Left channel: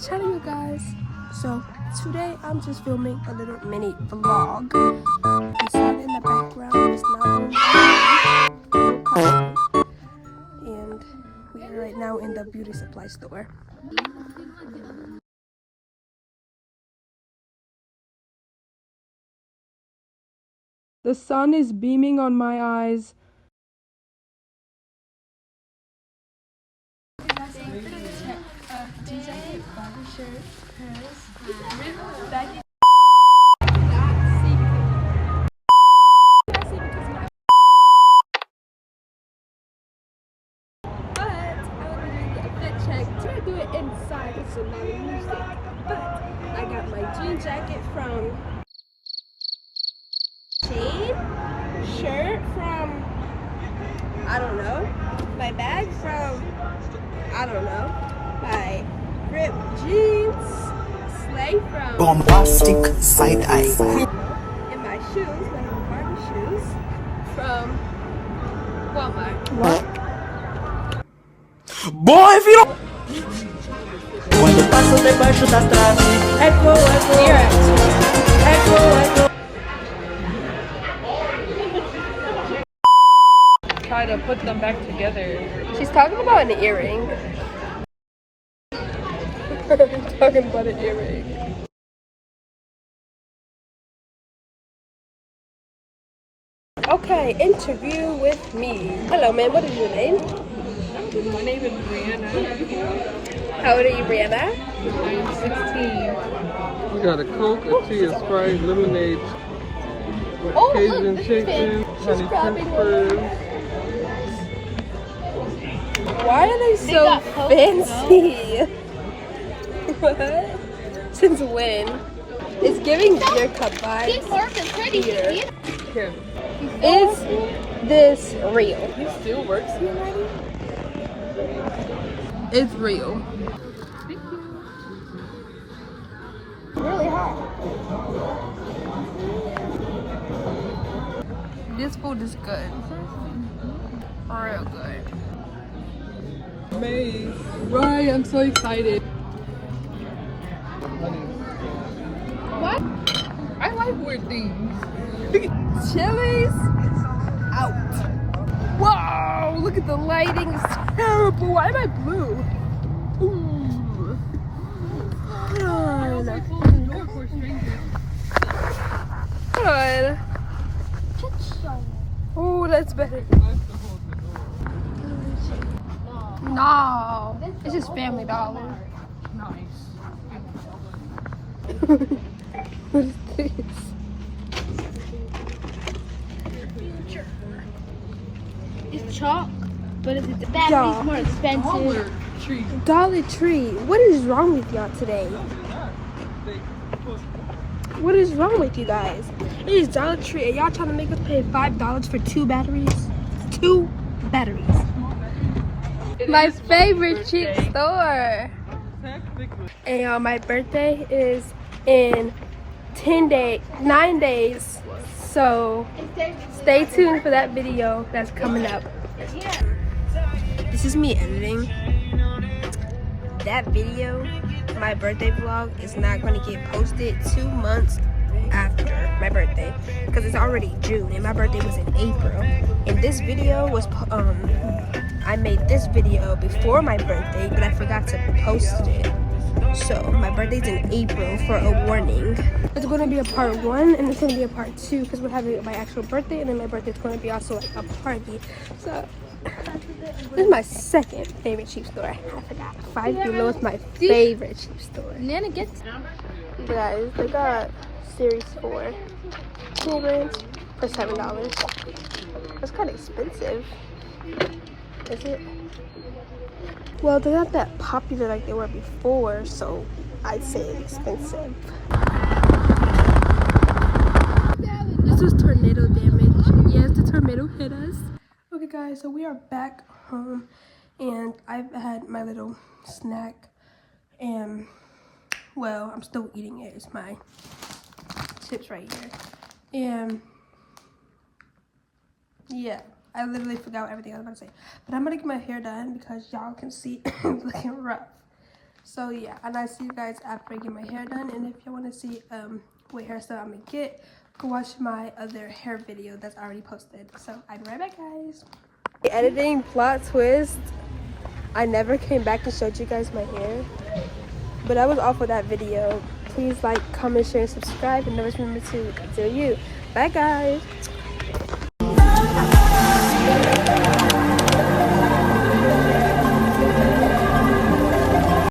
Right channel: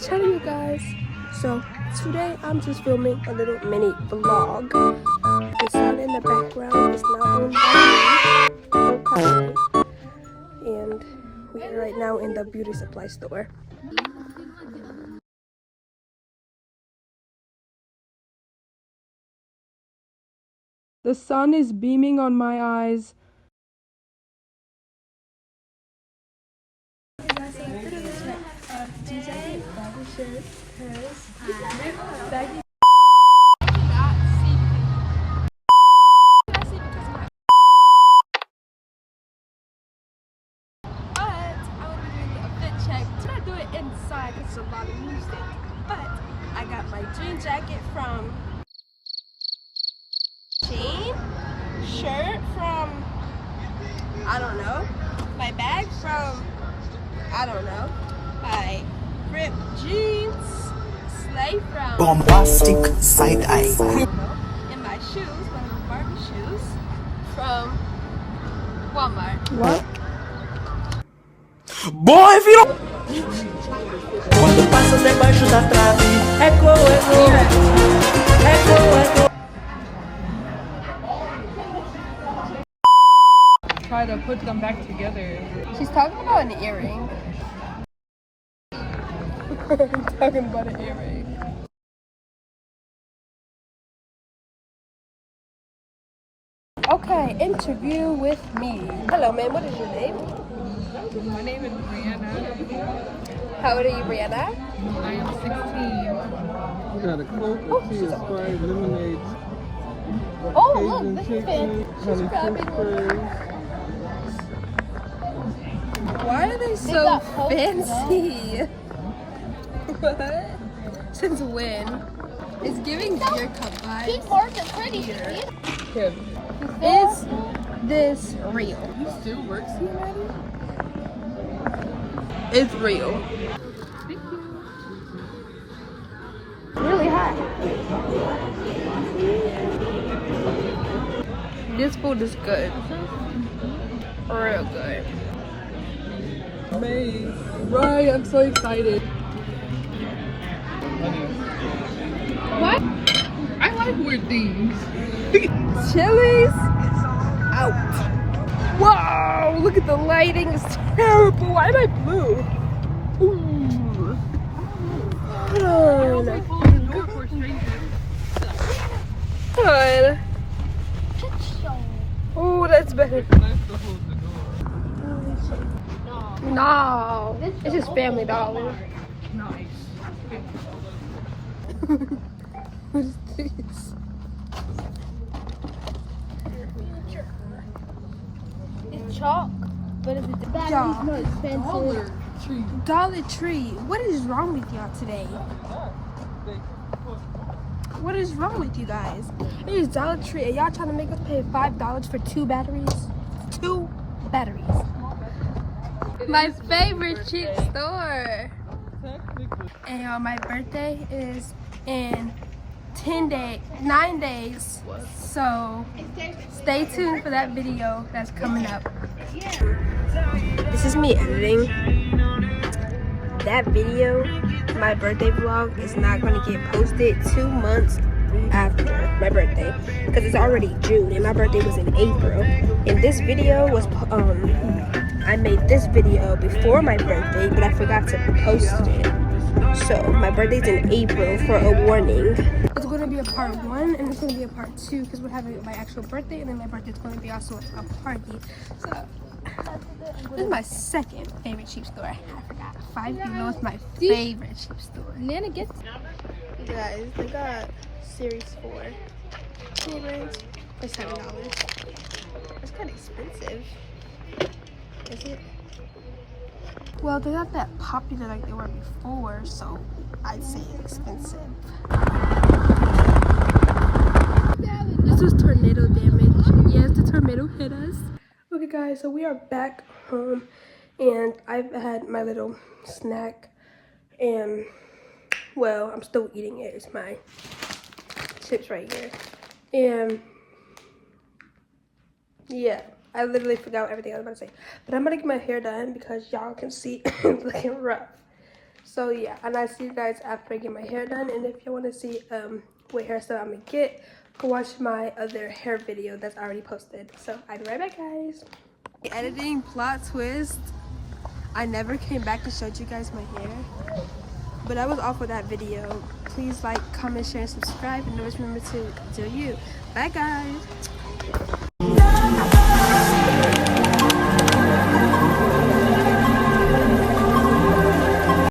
the channel, you guys. So today I'm just filming a little mini vlog. The sound in the background is not on, and we are right now in the beauty supply store. The sun is beaming on my eyes. Do it inside. It's a lot of music, but I got my jean jacket from Chain, shirt from I don't know, my bag from I don't know, my ripped jeans, sleigh from bombastic side eye, and my shoes, my little Barbie shoes from Walmart. what? Boy, if you don't. Quando passo debaixo da trave, eco, eco, eco, eco. Try to put them back together. She's talking about an earring. I'm talking about an earring. Okay, interview with me. Hello, ma'am. What is your name? My name is Brianna. How old are you, Brianna? I am 16. Got a Coke, a tea, a Sprite, lemonade. Oh, Cajun look, chicken. she's grabbing one. Why are they so fancy? What? Since when? It's giving beer cup vibes. Here. Here. Is this real? It still works. It's real. Really hot. This food is good. Real good. May. Right, I'm so excited. What? I like weird things. Chili's out. Whoa, look at the lighting. It's terrible. Why am I blue? Ooh. Hold on. Hold on. Oh, that's better. No, this is Family Dollar. What is this? It's chalk, but it's Y'all. more expensive. Dollar Tree. What is wrong with y'all today? What is wrong with you guys? It is Dollar Tree and y'all trying to make us pay $5 for 2 batteries? 2 batteries. My favorite cheap store. And my birthday is in 9 days. So stay tuned for that video that's coming up. This is me editing. That video, my birthday vlog, is not going to get posted 2 months after my birthday because it's already June and my birthday was in April. And this video was I made this video before my birthday, but I forgot to post it. So my birthday's in April, for a warning. It's going to be a part 1 and it's going to be a part 2 because we're having my actual birthday and then my birthday's going to be also like a party. So this is my second favorite cheap store. I forgot. Five Below is my favorite cheap store. Guys, they got Series 4 cool rinse for $7. That's kind of expensive. Is it? Well, they're not that popular like they were before, so I'd say it's expensive. This was tornado damage. Yes, the tornado hit us. Okay guys, so we are back home and I've had my little snack and, well, I'm still eating it. It's my chips right here. And yeah, I literally forgot everything I was about to say. But I'm gonna get my hair done because y'all can see it's looking rough. So yeah, and I see you guys after I get my hair done. And if you want to see what hairstyle I'm gonna get, go watch my other hair video that's already posted. So I'll be right back, guys. Editing plot twist. I never came back and showed you guys my hair, but I was off of that video. Please like, comment, share, and subscribe, and always remember to do you. Bye, guys.